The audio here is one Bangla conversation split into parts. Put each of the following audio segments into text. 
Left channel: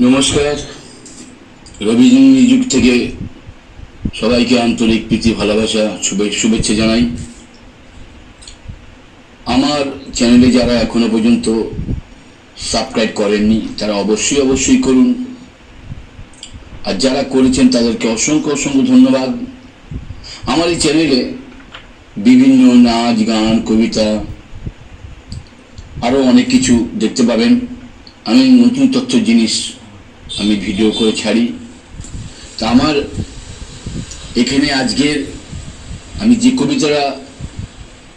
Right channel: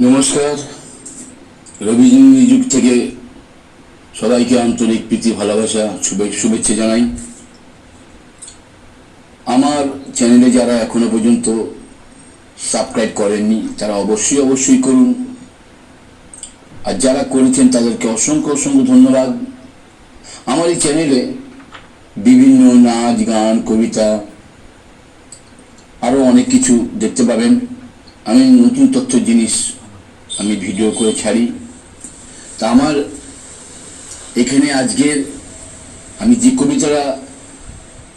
নমস্কার। রবীন্দ্র যুগ থেকে সবাইকে আন্তরিক প্রীতি, ভালোবাসা, শুভে- শুভেচ্ছা জানাই। আমার চ্যানেলে যারা এখনও পর্যন্ত সাবস্ক্রাইব করেননি, তারা অবশ্যই অবশ্যই করুন। আর যারা করেছেন, তাদেরকে অসংখ্য অসংখ্য ধন্যবাদ। আমার এই চ্যানেলে বিভিন্ন নাচ, গান, কবিতা আরও অনেক কিছু দেখতে পাবেন। আমি নতুন তথ্য জিনিস আমি ভিডিও করে ছাড়ি। তা আমার এখানে আজকের আমি যে কবিতাটা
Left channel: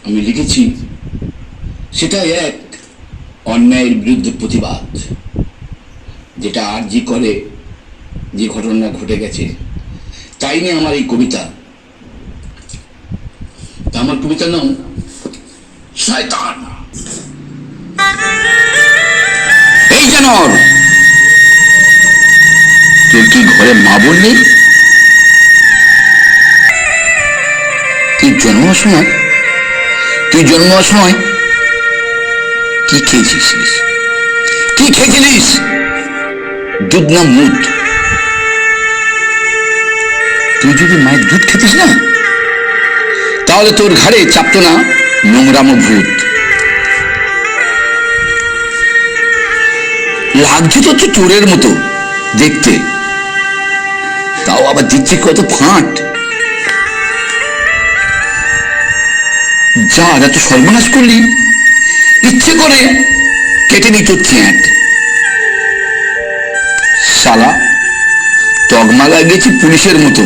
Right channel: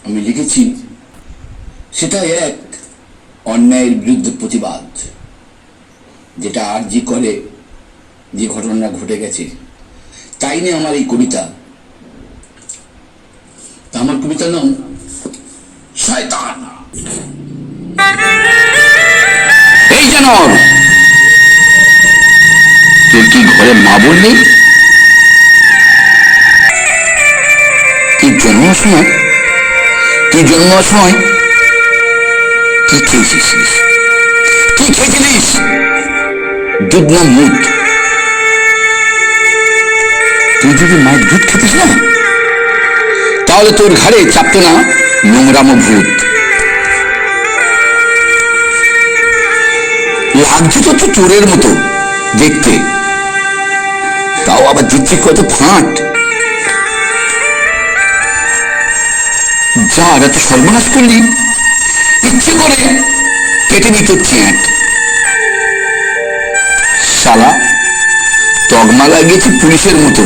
আমি লিখেছি সেটা এক অন্যায়ের বিরুদ্ধে প্রতিবাদ, যেটা আর জি করে যে ঘটনা ঘটে গেছে, তাই নিয়ে আমার এই কবিতা। আমার কবিতার নাম, শয়তান। এই জানোয়ার তোর কি ঘরে মা নেই? তুই জন্মার সময়, তুই জন্মার সময় কি খেয়েছিস? কি খেয়েছিলিস? দুধ না মুদ? তুই যদি মায়ের দুধ খেতিস না, তাহলে তোর ঘাড়ে চাপতো না নোংরামো ভূত। লাগছে তো চোরের মতো দেখতে। তাও আবার দিচ্ছি কত ফাঁট? যা এত সর্বনাশ করলি? ইচ্ছে করে কেটে নি তোর চ্যাট। শালা, তগমা লাগিয়েছি পুলিশের মতো।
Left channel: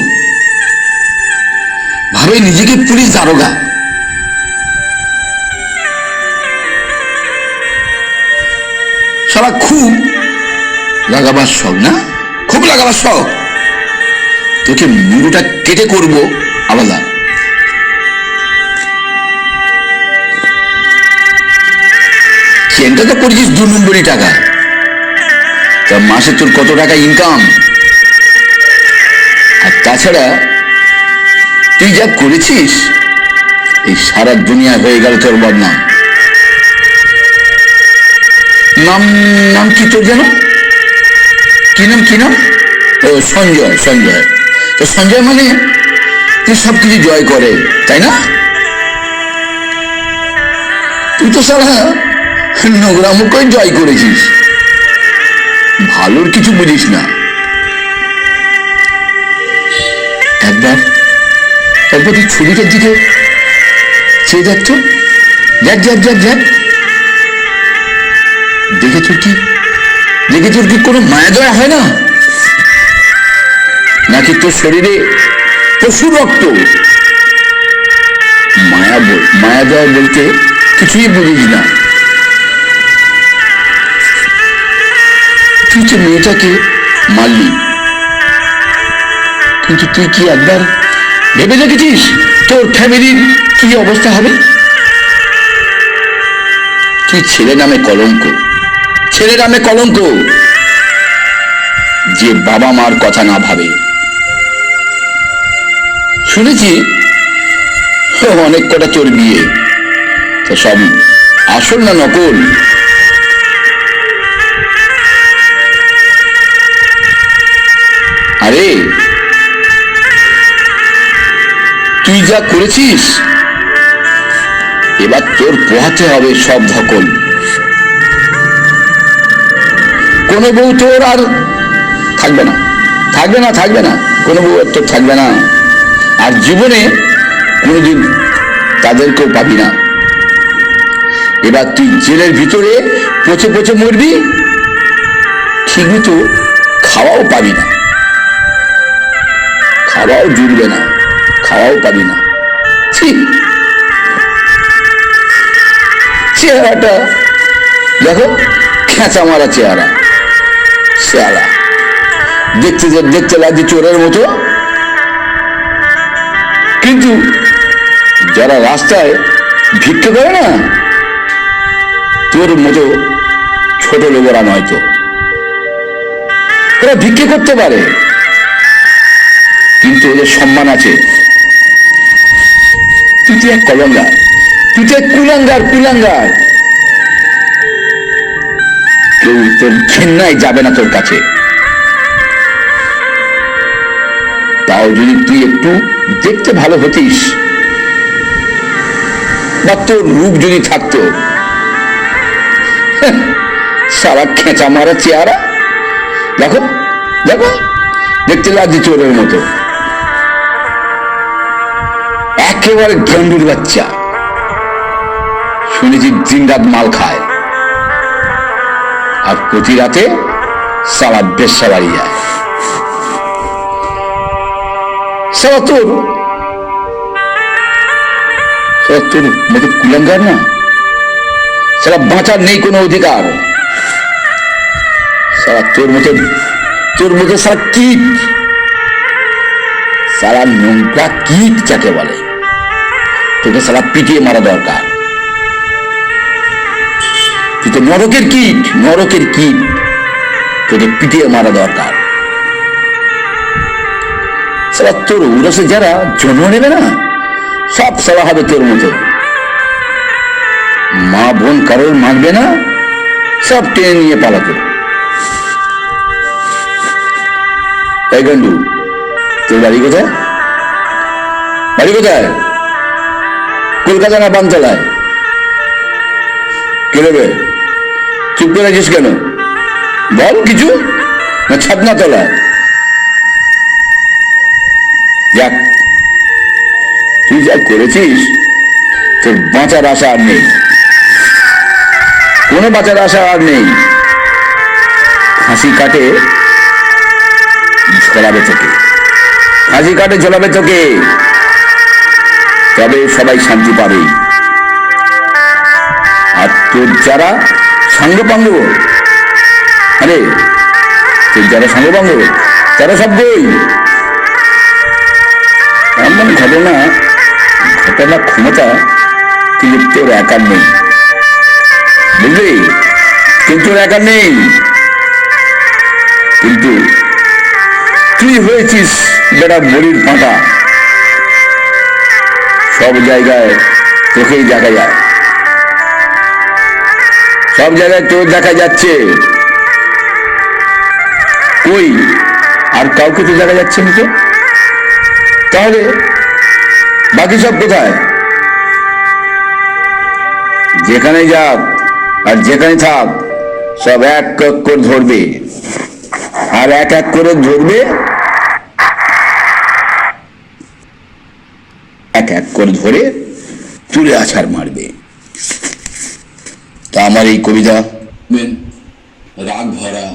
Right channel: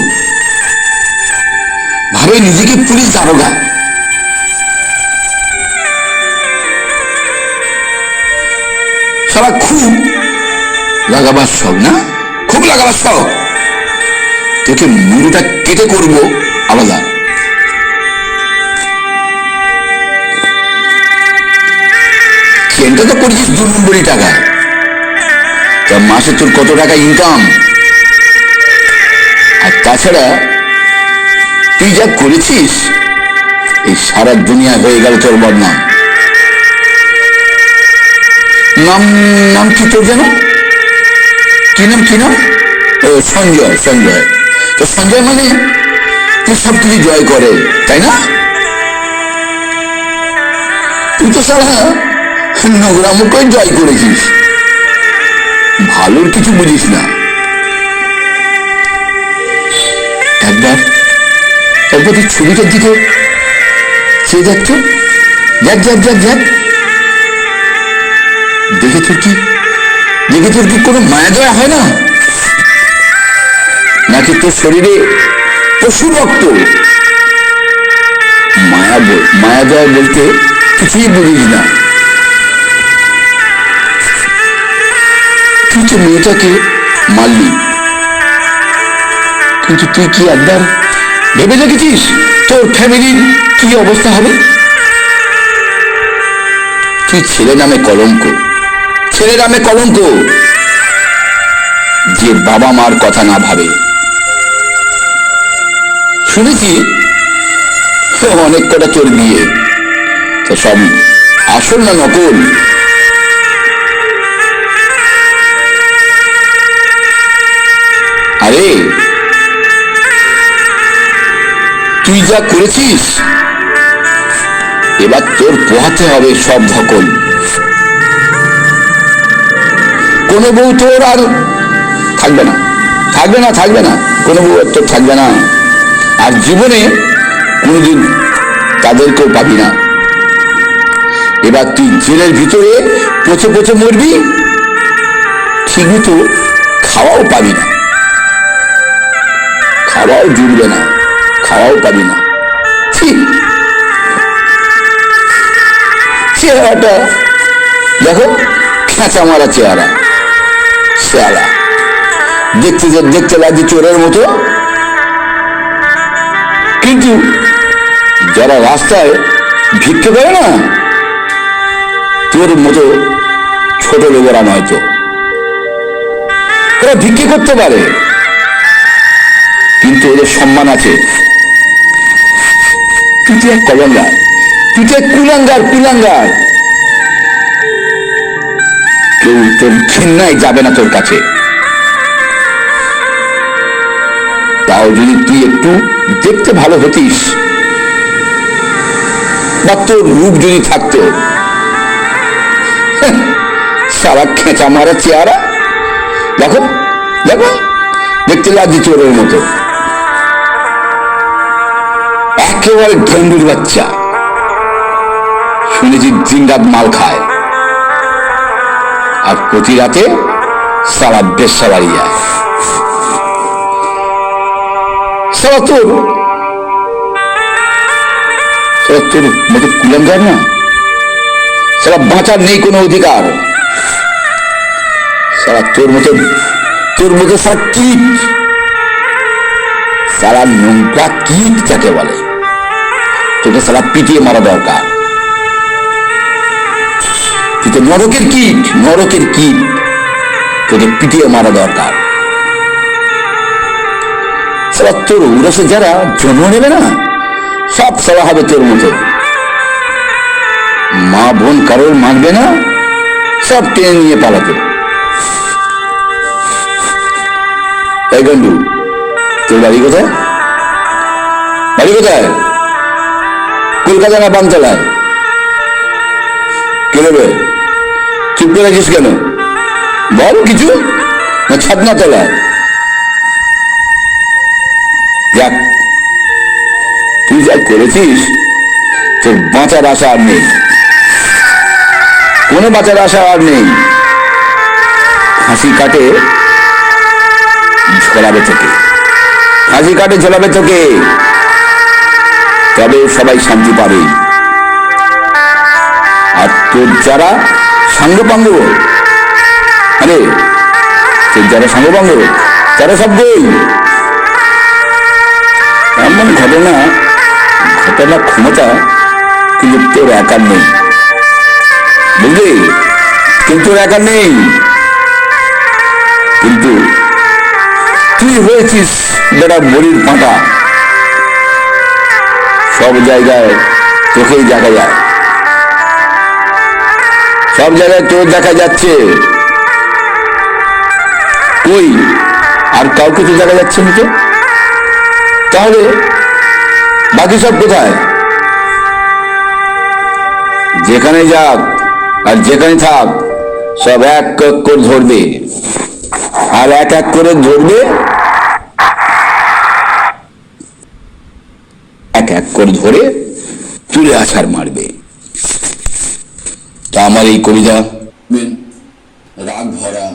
ভাবে নিজেকে পুলিশ দারোগা। সারা খুব লাগাবার শখ, না? খুব লাগাবার শখ। তোকে মুড়োটা কেটে করব, আলাদা। চেনটা তো করেছিস দু নম্বরই টাকা। তা মাসে তোর কত টাকা ইনকাম আর তাছাড়া, তুই যা করেছিস, এই সারা দুনিয়া হয়ে গেল তোর বদনাম। নাম নাম কি তোর যেন? কি নাম কি নাম? সঞ্জয় সঞ্জয়। তো সঞ্জয় মানে তুই সব কিছু জয় করে, তাই না? তুই তো সারা নোংরা মুখই জয় করেছিস। ভালোর কিছু বুঝিস না। একবার একবার তুই ছবিটার দিকে চেয়ে তো। দেখ যাক যাক দেখ। দেখে তোর কি? দেখে তোর কি কোনো মায়া দয়া হয় না? নাকি তোর শরীরে পশু রক্ত? মায়া মায়া দয়া বলতে কিছুই বুঝিস না। তুই তো মেয়েটাকে মারলি, কিন্তু তুই কি একবার ভেবে দেখেছিস তোর ফ্যামিলির কি অবস্থা হবে? তুই ছেলে নামে কলঙ্ক, ছেলে নামে কলঙ্ক। যে বাবা মার কথা না ভাবে শুনেছি অনেক কটা তোর বিয়ে। তো সব আসল না নকল? আরে, তুই যা করেছিস, এবার তোর পোহাতে হবে সব ধকল। কোনো বউ তোর আর থাকবে না। থাকবে না থাকবে না। কোনো বউ আর তোর থাকবে না। আর জীবনে কোনোদিন তাদেরকেও পাবি না। এবার তুই জেলের ভিতরে পচে পচে মরবি, ঠিক মতো খাওয়াও পাবি না। খাওয়াও জুড়বে না, খাওয়াও পাবি না। ঠিক চেহারাটা, দেখো খেঁচা মারা চেহারা। শেয়ালা দেখতে দেখতে লাগছে চোরের মতো। কিন্তু যারা রাস্তায় ভিক্ষে করে না, তোর মতো ছোট লোকেরা নয়তো ওরা ভিক্ষে করতে পারে, কিন্তু ওদের সম্মান আছে। তুই তো এক কলঙ্গার, তুই তো এক কুলাঙ্গার কুলাঙ্গার। কেউ তোর ঘেন্নায় যাবে না তোর কাছে। তাও যদি তুই একটু দেখতে ভালো হতিস। বা তোর রূপ যদি থাকতো। হ্যাঁ, সারা খেঁচা মারা চেহারা। দেখো দেখো দেখতে লাগছে চোরের মতো। একেবারে ঢেন্ডুর বাচ্চা। শুনেছি দিন রাত মাল খায়। আর প্রতি রাতে সারা বেশ বাড়ি যায়। সারা তোর সারা তোর মতো কুলাঙ্গার না? সারা বাঁচার নেই কোনো অধিকার। সারা তোর মতো তোর মতো সারা কীট। সারা নোংরা কীট যাকে বলে? তোকে সারা পিটিয়ে মারা দরকার। তুই তো নরকের কীট নরকের কীট তোকে পিটিয়ে মারা দরকার। সারা তোর উড়াসে যারা, জন্ম নেবে না? সব সারা হবে তোর মতো। মা বোন কারোর মানবে না? সব টেনে নিয়ে পালাতো। গন্ডু, তোর বাড়ি কোথায়? বাড়ি কোথায়? কলকাতা না বানতলায় কে দেবে চুপ করে আছিস কেন? বল কিছু। না ছাদনা তলায় যাক, তুই যা করেছিস, তোর বাঁচার আশা আর নেই। কোনো বাঁচার আশা আর নেই। হাসি কাটে, ঝোলাবে তোকে হাসি কাটে, ঝোলাবে তোকে তবে সবাই শান্তি পাবে। আর তোর যারা সাঙ্গপাঙ্গ, আরে, তোর যারা সাঙ্গপাঙ্গ, তারা সব গই। এমন ঘটনা ঘটনার ক্ষমতা কিন্তু তোর একার নেই। বুঝলি? কিন্তু একার নেই। কিন্তু তুই হয়েছিস বেটা মরির পাঁটা? সব জায়গায় তোকেই দেখা যায়। সব জায়গায় তোর দেখা যাচ্ছে। কই? আর কাউকে তো দেখা যাচ্ছে না তো? তাহলে বাকি সব কোথায়? যেখানে যাক আর যেখানে থাক, সব এক এক করে ধরবে। আর এক এক করে ধরবে? এক এক করে ধরে তুলে আছাড় মারবে। তা আমার এই কবিতা রাগ ভরা।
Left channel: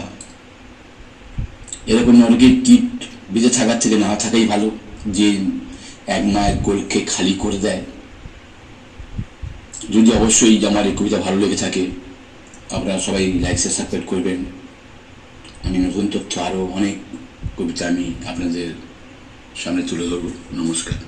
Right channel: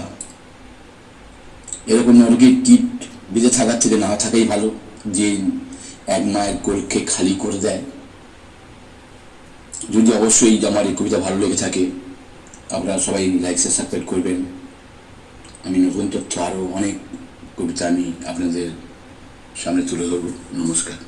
এরকম নরকের কীট বেঁচে থাকার থেকে না থাকাই ভালো। যে এক মায়ের কোলকে খালি করে দেয়। যদি অবশ্যই আমার এই কবিতা ভালো লেগে থাকে, আপনারা সবাই লাইক শেয়ার সাবস্ক্রাইব করবেন। আমি নতুন তথ্য আরও অনেক কবিতা আমি আপনাদের সামনে তুলে ধরব। নমস্কার।